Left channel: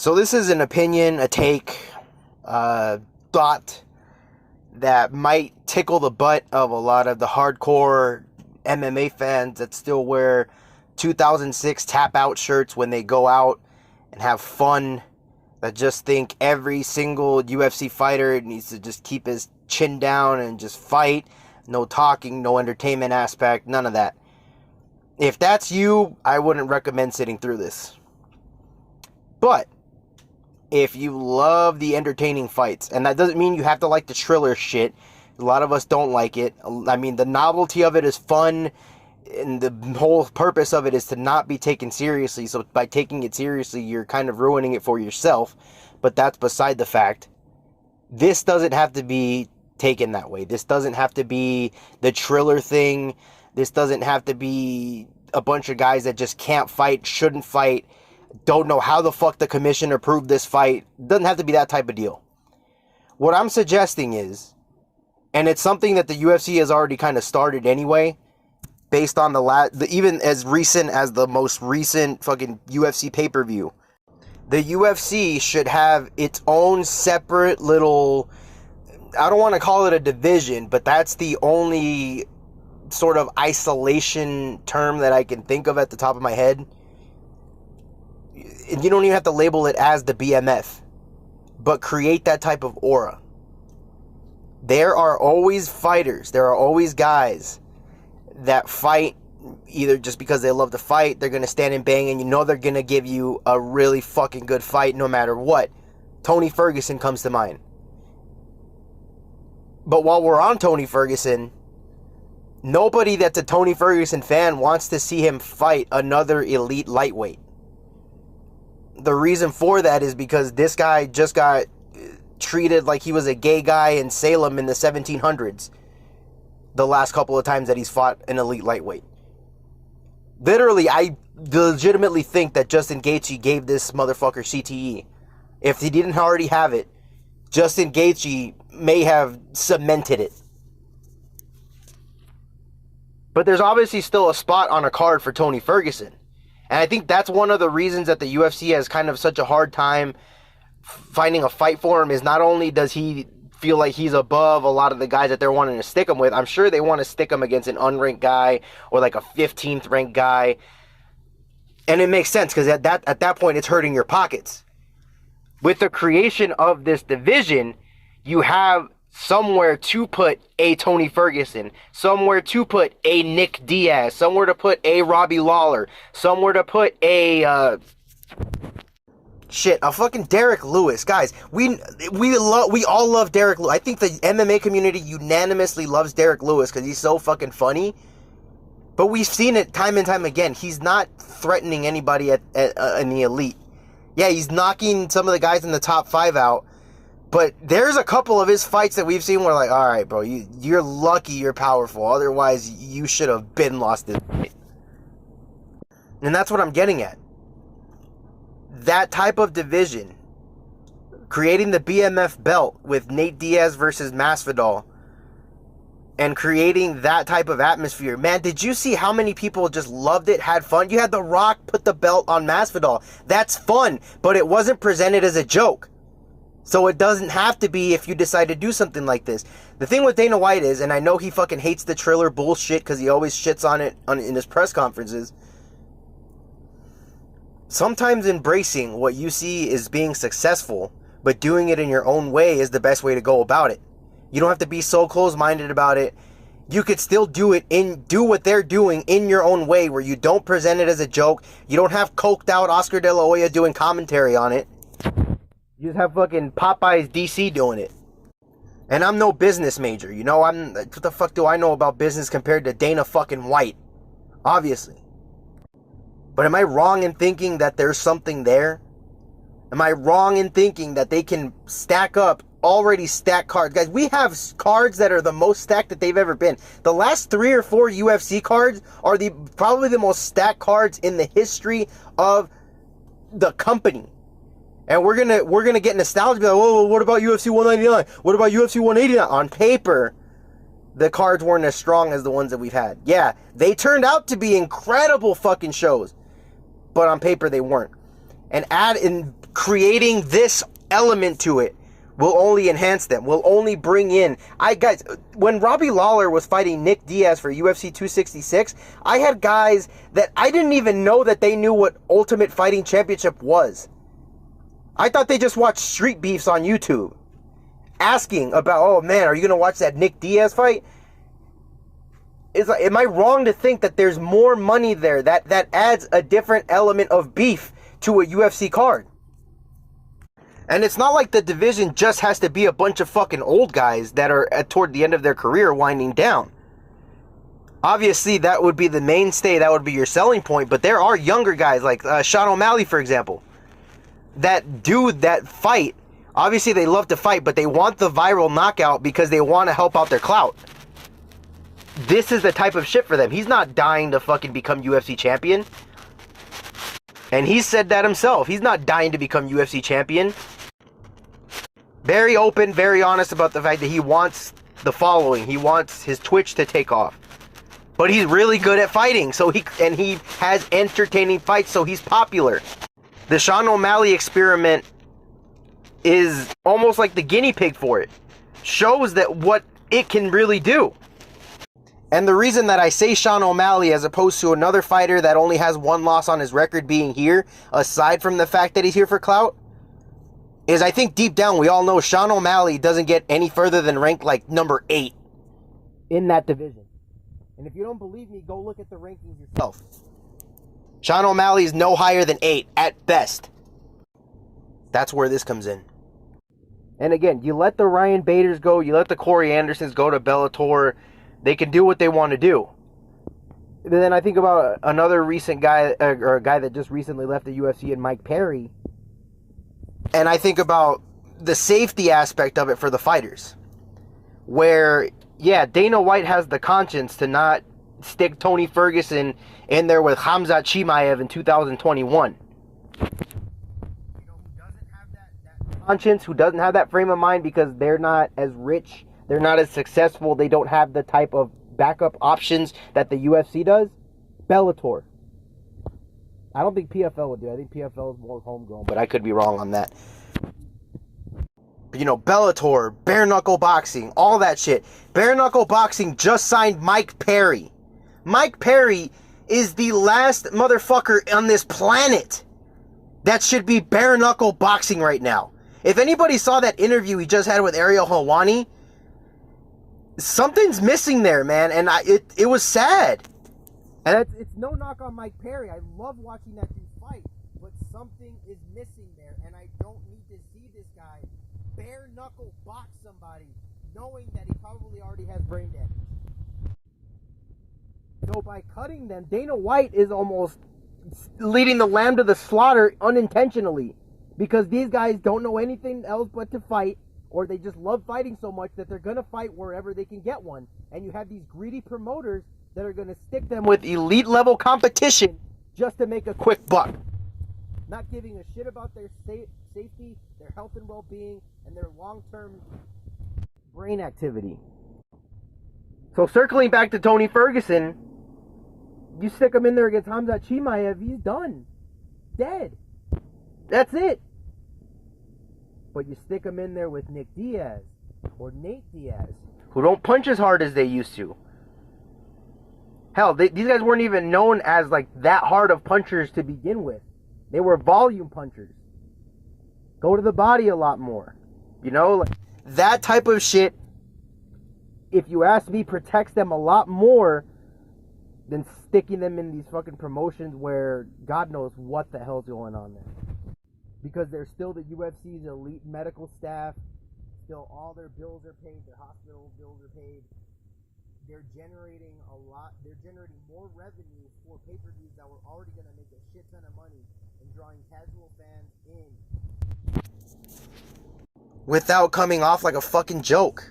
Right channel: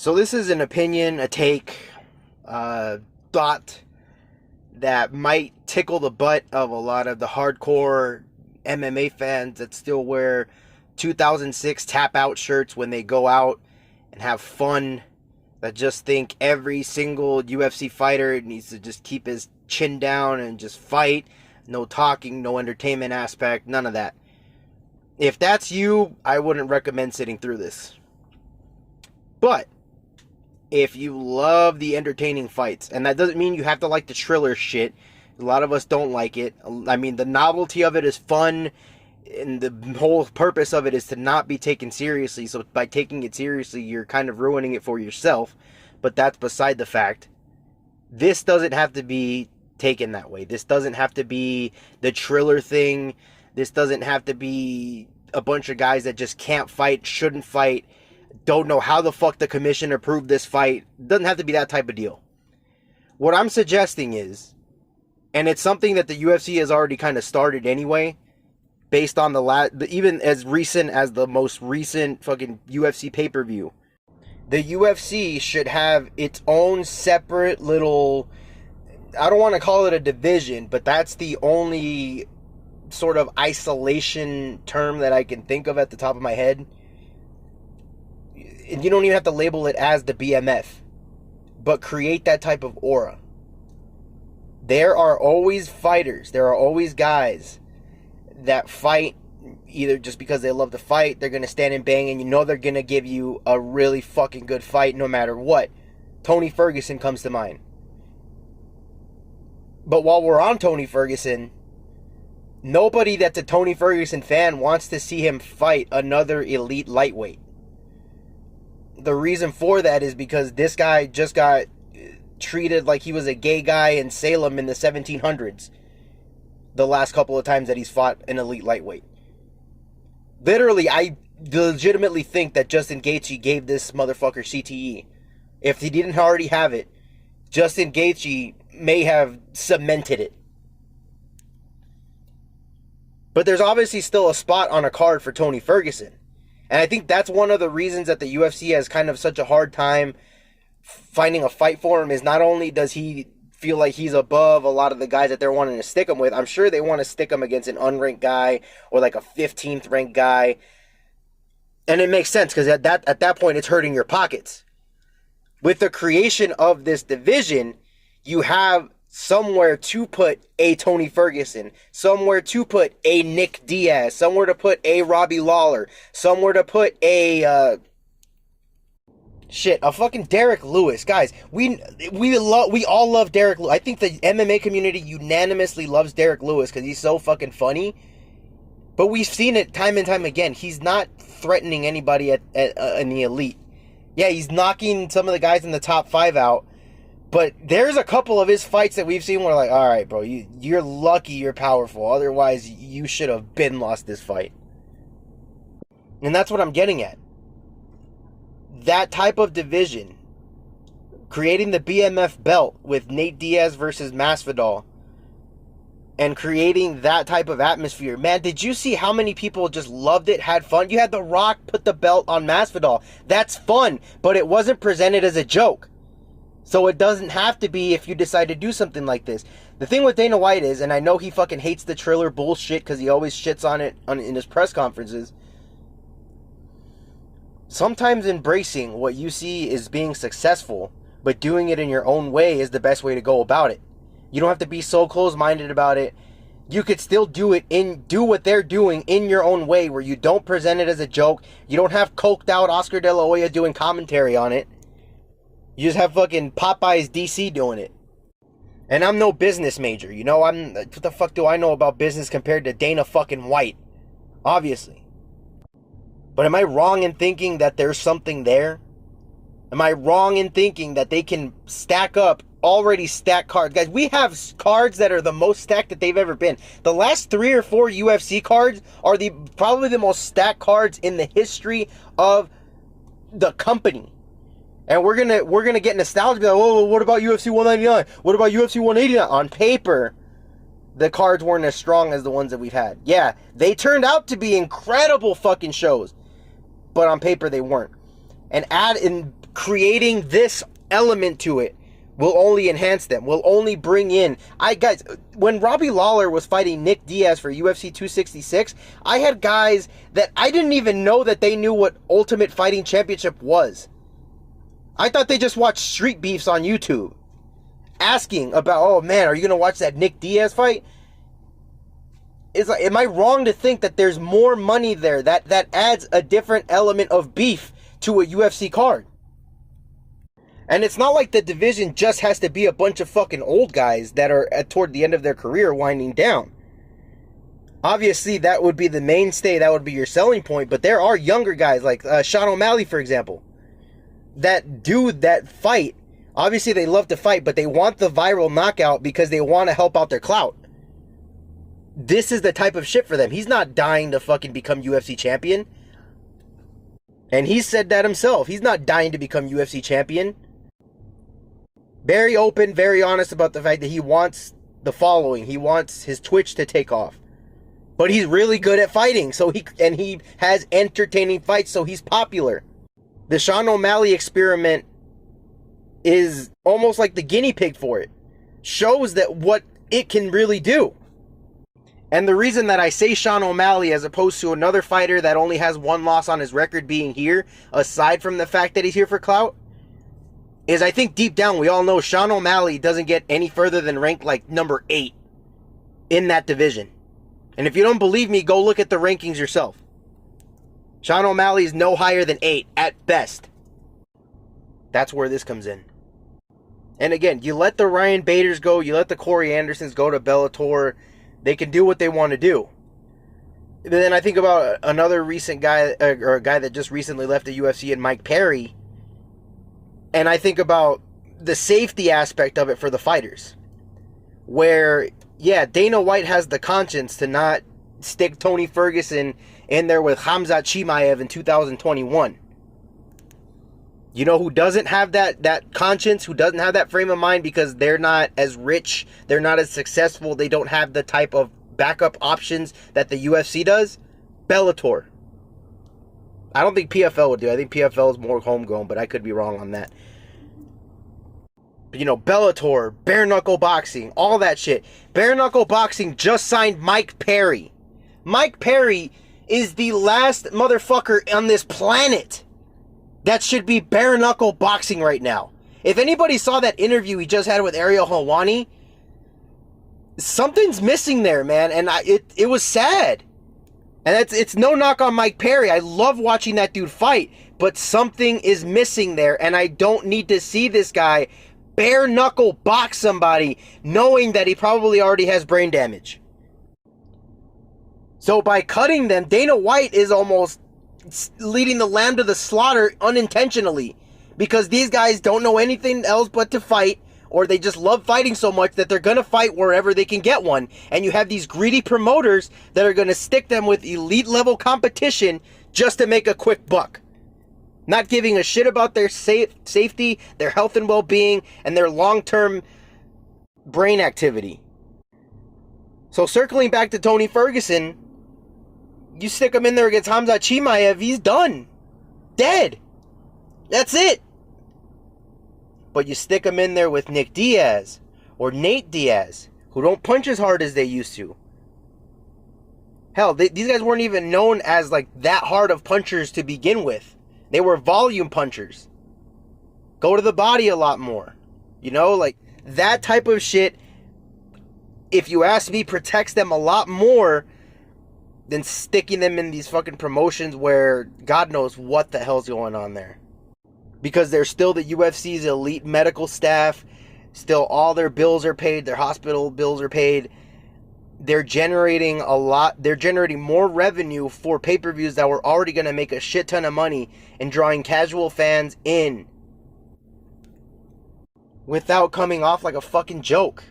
So this is an opinion, a take, thought that might tickle the butt of a lot of the hardcore MMA fans that still wear 2006 tap out shirts when they go out and have fun, that just think every single UFC fighter needs to just keep his chin down and just fight. No talking, no entertainment aspect, none of that. If that's you, I wouldn't recommend sitting through this. But if you love the entertaining fights, and that doesn't mean you have to like the Triller shit. A lot of us don't like it. I mean, the novelty of it is fun, and the whole purpose of it is to not be taken seriously. So by taking it seriously, you're kind of ruining it for yourself. But that's beside the fact. This doesn't have to be taken that way. This doesn't have to be the Triller thing. This doesn't have to be a bunch of guys that just can't fight, shouldn't fight, don't know how the fuck the commission approved this fight. Doesn't have to be that type of deal. What I'm suggesting is, and it's something that the UFC has already kind of started anyway, based on even as recent as the most recent fucking UFC pay-per-view. The UFC should have its own separate little, I don't want to call it a division, but that's the only sort of isolation term that I can think of at the top of my head. And you don't even have to label it as the BMF, but create that type of aura. There are always fighters, there are always guys that fight either just because they love to fight, they're going to stand and bang, and you know they're going to give you a really fucking good fight no matter what. Tony Ferguson comes to mind. But while we're on Tony Ferguson, nobody that's a Tony Ferguson fan wants to see him fight another elite lightweight. The reason for that is because this guy just got treated like he was a gay guy in Salem in the 1700s. The last couple of times that he's fought an elite lightweight. Literally, I legitimately think that Justin Gaethje gave this motherfucker CTE. If he didn't already have it, Justin Gaethje may have cemented it. But there's obviously still a spot on a card for Tony Ferguson. And I think that's one of the reasons that the UFC has kind of such a hard time finding a fight for him, is not only does he feel like he's above a lot of the guys that they're wanting to stick him with, I'm sure they want to stick him against an unranked guy or like a 15th ranked guy. And it makes sense because at that point it's hurting your pockets. With the creation of this division, you have somewhere to put a Tony Ferguson, somewhere to put a Nick Diaz, somewhere to put a Robbie Lawler, somewhere to put a a fucking Derek Lewis. Guys, we all love Derek Lewis. I think the MMA community unanimously loves Derek Lewis because he's so fucking funny. But we've seen it time and time again. He's not threatening anybody in the elite. Yeah, he's knocking some of the guys in the top 5 out. But there's a couple of his fights that we've seen where, like, all right, bro, you're lucky you're powerful. Otherwise, you should have been lost this fight. And that's what I'm getting at. That type of division, creating the BMF belt with Nate Diaz versus Masvidal, and creating that type of atmosphere. Man, did you see how many people just loved it, had fun? You had The Rock put the belt on Masvidal. That's fun, but it wasn't presented as a joke. So it doesn't have to be if you decide to do something like this. The thing with Dana White is, and I know he fucking hates the Triller bullshit because he always shits on it in his press conferences. Sometimes embracing what you see is being successful, but doing it in your own way is the best way to go about it. You don't have to be so close-minded about it. You could still do what they're doing in your own way, where you don't present it as a joke. You don't have coked out Oscar De La Hoya doing commentary on it. You just have fucking Popeye's DC doing it. And I'm no business major, you know? What the fuck do I know about business compared to Dana fucking White? Obviously. But am I wrong in thinking that there's something there? Am I wrong in thinking that they can stack up already stacked cards? Guys, we have cards that are the most stacked that they've ever been. The last 3 or 4 UFC cards are probably the most stacked cards in the history of the company. And we're gonna get nostalgia. Be like, oh, what about UFC 199? What about UFC 189? On paper, the cards weren't as strong as the ones that we've had. Yeah, they turned out to be incredible fucking shows, but on paper they weren't. And creating this element to it will only enhance them, will only bring in. Guys, when Robbie Lawler was fighting Nick Diaz for UFC 266, I had guys that I didn't even know that they knew what Ultimate Fighting Championship was. I thought they just watched street beefs on YouTube, asking about, oh man, are you going to watch that Nick Diaz fight? Am I wrong to think that there's more money there that adds a different element of beef to a UFC card? And it's not like the division just has to be a bunch of fucking old guys that are toward the end of their career winding down. Obviously, that would be the mainstay. That would be your selling point. But there are younger guys like Sean O'Malley, for example, that do that fight. Obviously, they love to fight, but they want the viral knockout because they want to help out their clout. This is the type of shit for them. He's not dying to fucking become UFC champion. And he said that himself. He's not dying to become UFC champion. Very open, very honest about the fact that he wants the following. He wants his Twitch to take off. But he's really good at fighting. And he has entertaining fights, so he's popular. The Sean O'Malley experiment is almost like the guinea pig for it. Shows that what it can really do. And the reason that I say Sean O'Malley as opposed to another fighter that only has one loss on his record being here, aside from the fact that he's here for clout, is I think deep down we all know Sean O'Malley doesn't get any further than ranked like number 8 in that division. And if you don't believe me, go look at the rankings yourself. Sean O'Malley is no higher than 8 at best. That's where this comes in. And again, you let the Ryan Baders go, you let the Corey Andersons go to Bellator. They can do what they want to do. But then I think about another recent guy, or a guy that just recently left the UFC, and Mike Perry. And I think about the safety aspect of it for the fighters. Where, yeah, Dana White has the conscience to not stick Tony Ferguson in there with Khamzat Chimaev in 2021. You know who doesn't have that conscience, who doesn't have that frame of mind because they're not as rich, they're not as successful, they don't have the type of backup options that the UFC does? Bellator. I don't think PFL would do. I think PFL is more homegrown, but I could be wrong on that. But, you know, Bellator, bare knuckle boxing, all that shit. Bare knuckle boxing just signed Mike Perry. Mike Perry is the last motherfucker on this planet that should be bare knuckle boxing right now. If anybody saw that interview he just had with Ariel Helwani, something's missing there, man, and it was sad. And it's no knock on Mike Perry. I love watching that dude fight, but something is missing there, and I don't need to see this guy bare knuckle box somebody knowing that he probably already has brain damage. So by cutting them, Dana White is almost leading the lamb to the slaughter unintentionally, because these guys don't know anything else but to fight, or they just love fighting so much that they're going to fight wherever they can get one. And you have these greedy promoters that are going to stick them with elite level competition just to make a quick buck, not giving a shit about their safety, their health and well-being, and their long-term brain activity. So circling back to Tony Ferguson, you stick him in there against Khamzat Chimaev, he's done. Dead. That's it. But you stick him in there with Nick Diaz or Nate Diaz, who don't punch as hard as they used to. Hell, these guys weren't even known as like that hard of punchers to begin with. They were volume punchers. Go to the body a lot more. You know, like that type of shit, if you ask me, protects them a lot more than sticking them in these fucking promotions where God knows what the hell's going on there. Because they're still the UFC's elite medical staff. Still all their bills are paid. Their hospital bills are paid. They're generating a lot. They're generating more revenue for pay-per-views that were already going to make a shit ton of money and drawing casual fans in without coming off like a fucking joke.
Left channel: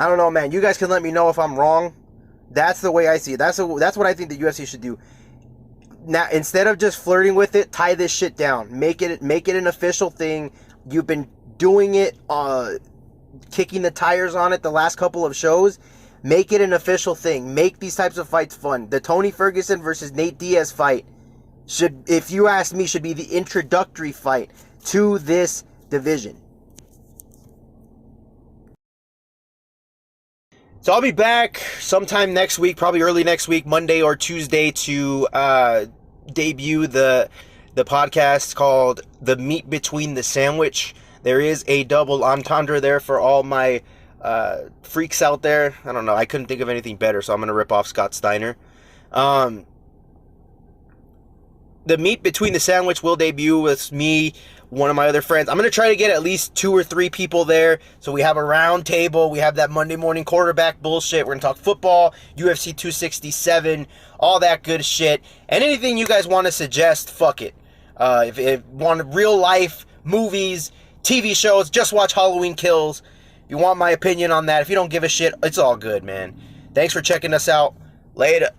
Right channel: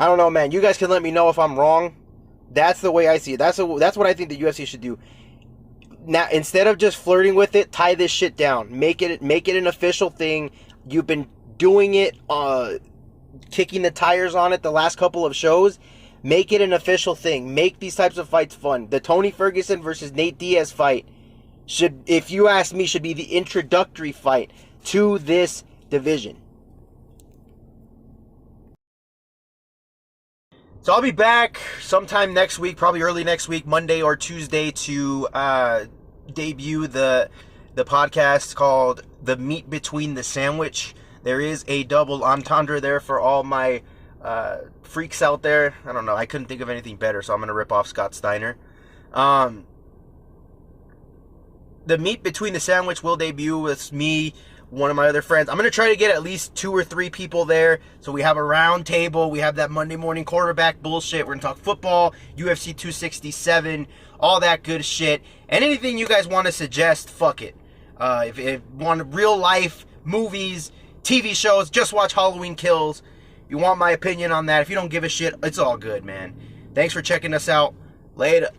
I don't know, man. You guys can let me know if I'm wrong. That's the way I see it. That's what I think the UFC should do. Now, instead of just flirting with it, tie this shit down. Make it an official thing. You've been doing it, kicking the tires on it the last couple of shows. Make it an official thing. Make these types of fights fun. The Tony Ferguson versus Nate Diaz fight if you ask me, should be the introductory fight to this division. So I'll be back sometime next week, probably early next week, Monday or Tuesday, to debut the podcast called The Meat Between the Sandwich. There is a double entendre there for all my freaks out there. I don't know. I couldn't think of anything better, so I'm going to rip off Scott Steiner. The Meat Between the Sandwich will debut with me, one of my other friends. I'm going to try to get at least 2 or 3 people there, so we have a round table. We have that Monday morning quarterback bullshit. We're going to talk football, UFC 267, all that good shit. And anything you guys want to suggest, fuck it. If you want real life movies, TV shows, just watch Halloween Kills. You want my opinion on that? If you don't give a shit, it's all good, man. Thanks for checking us out. Later.